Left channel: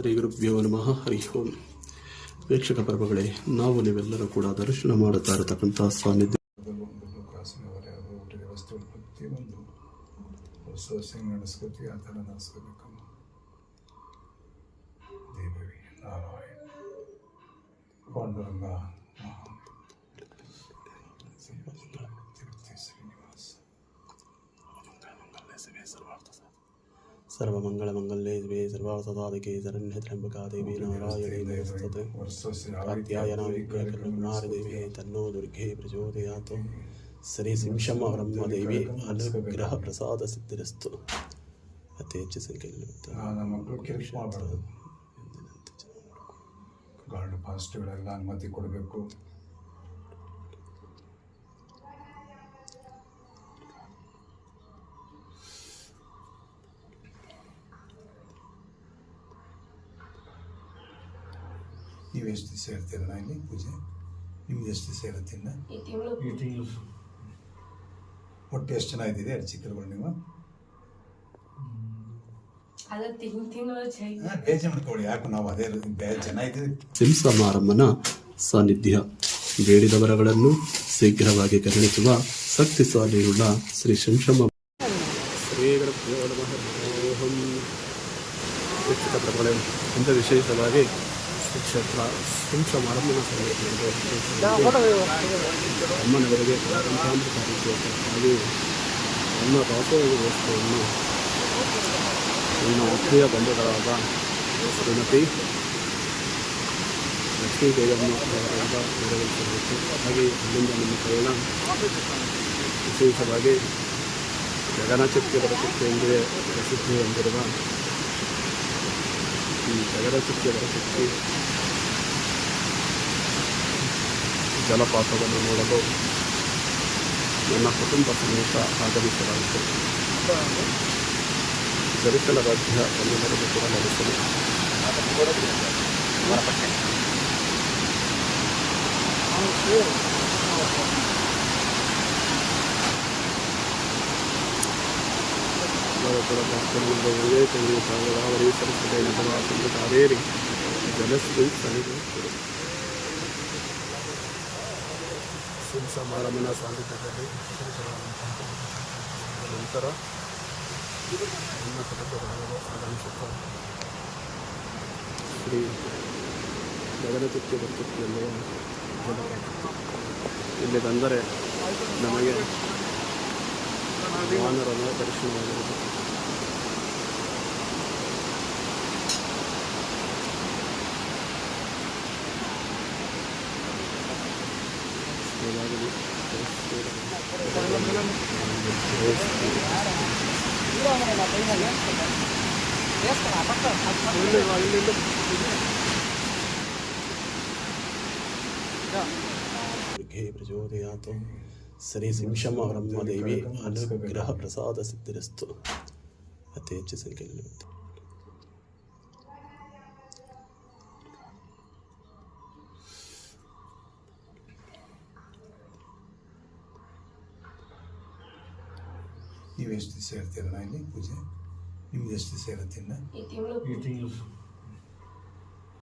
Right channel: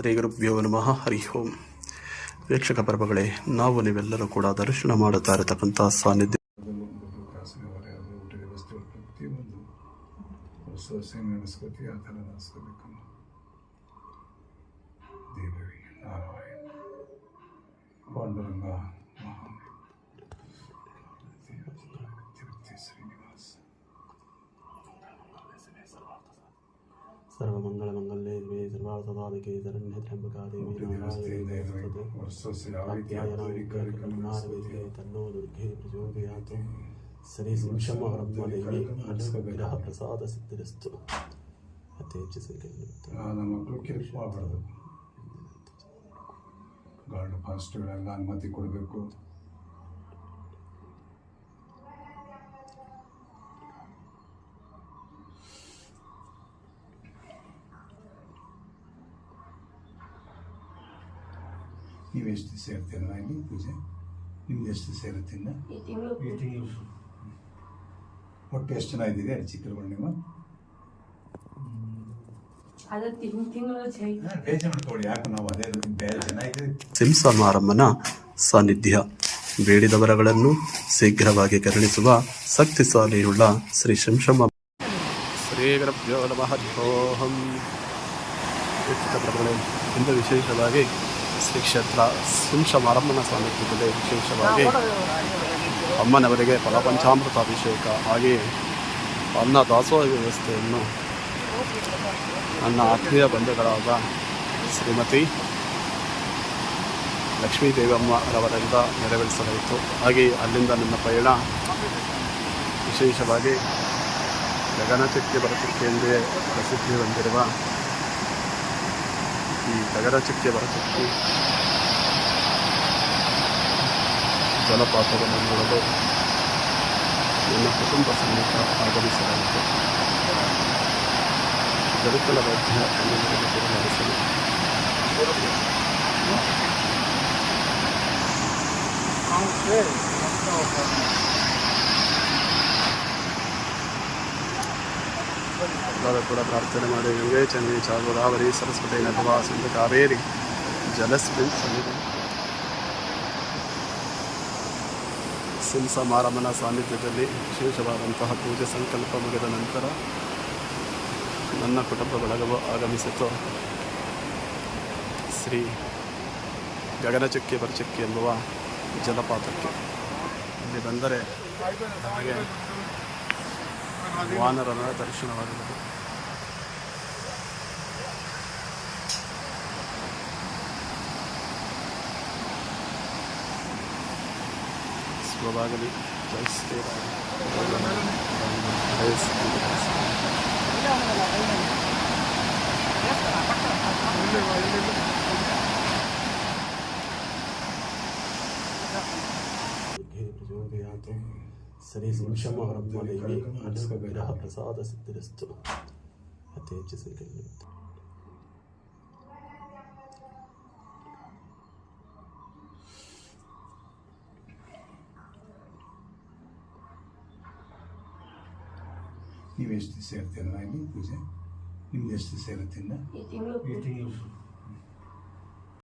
ಶ್ರೀ ಗುರುಭ್ಯೋ ನಮಃ ಹರಿ ಓಂ. ವೀಕ್ಷಕ ಪರ್ವಗಳೇ, ನಾವು ನೀವೆಲ್ಲರೂ ಕೂಡ ದರ್ಶನ ಮಾಡುತ್ತಾ ಇರತಕ್ಕಂಥ ಸಾನ್ನಿಧ್ಯ सर्वमंगलमंगले शिवे सर्वार्थसाधके शरण्ये त्र्यंबका देवी नारायणी नमोस्तुते. कात्यायनाय कुमारदेवी तन्नो दुर्गे प्रचोदयात्. श्री सिंशम ब्रह्मदेवी अनुग्रह प्रसाद सिद्धिरस्तु. ಅತಿ ಹೆಚ್ಚು ಸಂಖ್ಯೆಯಲ್ಲಿ ನಮ್ಮ ಮಕ್ಕಳು ಕಿರಿಕ್ ಮಾಡಬಾರ್ದು. ಗಾರ್ಡ್ ಫಾಸ್ಟ್ಗಳೆಲ್ಲ ಅನುಮತಿ ಕೊಡಬೇಕು. ನೀವು ಎಷ್ಟು ದಿವಸ ಇರ್ತೀರಣ್ಣ ಇಲ್ಲಿ ಪೂಜೆ? ನಿಮ್ದು ಎಷ್ಟು ದಿವಸ ಇರುತ್ತಿಲ್ಲ? ಈ ತಿಂಗಳು. ಒಟ್ಟು ಎಷ್ಟು ಜನ ಇದ್ದೀರಿ ಅರ್ಚಕರುಗಳು ನೀವು? ಸಿಂಸಮಾರಮ್ಮನ ಸಾನ್ನಿಧ್ಯ ಬೇಡಿದವರಗಳನ್ನು ಶೀಘ್ರವಾಗಿ ಕರುಣಿಸುವ ಶಕ್ತಿಶಾಲಿಯುಳ್ಳ ಶ್ರೀ ಶಿಂಶಮ. ಶ್ರೀ ಗುರುಭ್ಯೋ ನಮಃ ಹರಿಃ. ವೀಕ್ಷಕ ಪ್ರಭುಗಳೇ, ಇಂದು ವಿಶೇಷವಾಗಿ ಶ್ರೀ ಕ್ಷೇತ್ರ ಶಿಂಶಮಾರಮ್ಮನ ಸಾನ್ನಿಧ್ಯದಲ್ಲಿ ವಿಶೇಷವಾಗಿ ಅಮ್ಮನವರಿಗೆ ಫಲಪಂಚಾಮೃತಾಭಿಷೇಕ ಹಾಗೆ ಅನ್ನ ದಾಸೋಹ ವ್ಯವಸ್ಥೆಯನ್ನು ನನ್ನ ಆತ್ಮೀಯ ಬಂಧುಗಳಾದ ಶ್ರೀಮತಿ ಲಕ್ಷ್ಮೀ ದೇವಮ್ಮರವರಿಂದ ನೆರವೇರಿಸಲಾಯಿತು. ಹಾಗೆ ಅಲ್ಲಿಂದ ನನ್ನ ಪಯಣ ವಿಶೇಷವಾಗಿ ಗಗನಚುಕ್ಕೆ ಬರಚುಕ್ಕೆ ಎಂದೇ ಪ್ರಸಿದ್ಧಿ ಹೊಂದಿರುವ ಈ ಗಗನಚುಕ್ಕೆ ಬರಚುಕ್ಕೆ ಜಲಪಾತವನ್ನು ನೋಡಲು ನನ್ನ ಕುಟುಂಬ ಸಮೇತ ಆಗಮಿಸಲಾಯಿತು. ಜರುಕಲ ಮಧ್ಯ ಕನ್ನಡದ ಕೂಡ ನಡೆಸಲು ಎಲ್ಲರೂ ಕೂಡ ಪ್ರಾರ್ಥನೆ ಮಾಡಿ ಗಂಗೆ ಚಂದ್ರಿ ಚಾಗೋದಾವರಿ ಸರಸ್ವತಿ ನಭವಾ ಸಿಂಧು ಕಾವೇರಿ ಜಲಸ್ಮಿನ್ ಸನ್ನಿಧಿ. ಸಿಂಸಮಾರಮ್ಮನ ಸಾನ್ನಿಧ್ಯದಲ್ಲಿ ವಿಶೇಷವಾದಂತಹ ಪೂಜೆ ಸಂಕಲ್ಪ ಮುಗಿದ ನಂತರ ನನ್ನ ಕುಟುಂಬ ಬಳಗವು ಆಗಮಿಸಿತು. ಶ್ರೀ ಗಗನಚುಕ್ಕಿ ಬರಚುಕ್ಕಿ ಎಂಬುವ ಜಲಪಾತಕ್ಕೆ ಇಲ್ಲಿ ಬಂದರೆ ನಮಗೆ ವಾನರನ ದರ್ಶನವಾಗುವುದು. ಸ್ವಭಾಗಲಿ ಜೈ ಶ್ರೀರಾಮ್. ಪ್ರಚೋದಯಾತ್. ಶ್ರೀ ಸಿಂಶಮ ಬ್ರಹ್ಮದೇವಿ ಅನುಗ್ರಹ ಪ್ರಸಾದ ಸಿದ್ಧಿರಸ್ತು. ಅತಿ ಹೆಚ್ಚು ಸಂಖ್ಯೆಯಲ್ಲಿ ನೀವು ಎಷ್ಟು ದಿವಸ ಇರ್ತೀರಣ್ಣ ಇಲ್ಲಿ ಪೂಜೆ? ನಿಮ್ದು ಎಷ್ಟು ದಿವಸ ಇರುತ್ತಿಲ್ಲ? ಈ ತಿಂಗಳು.